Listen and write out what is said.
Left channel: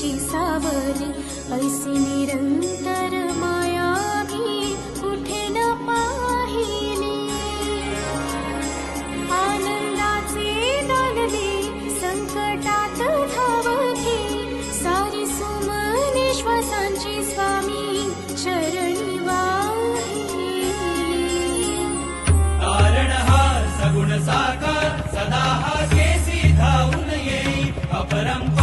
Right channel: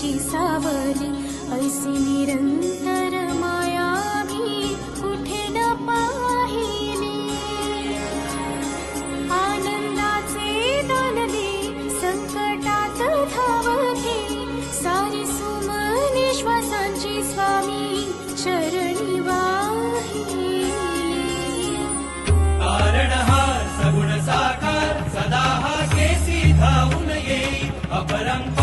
तुझी सावली, ऐसी निरंतर माया मी कुठे न पाहिली. आनंदाचे दान दे, संकटात धाव घे, सारी सुमने श्वासांची स्वामी चरणी वाहिली. कारण हा सगुण साकार सदा हा केसी धावून येई, अपरंपार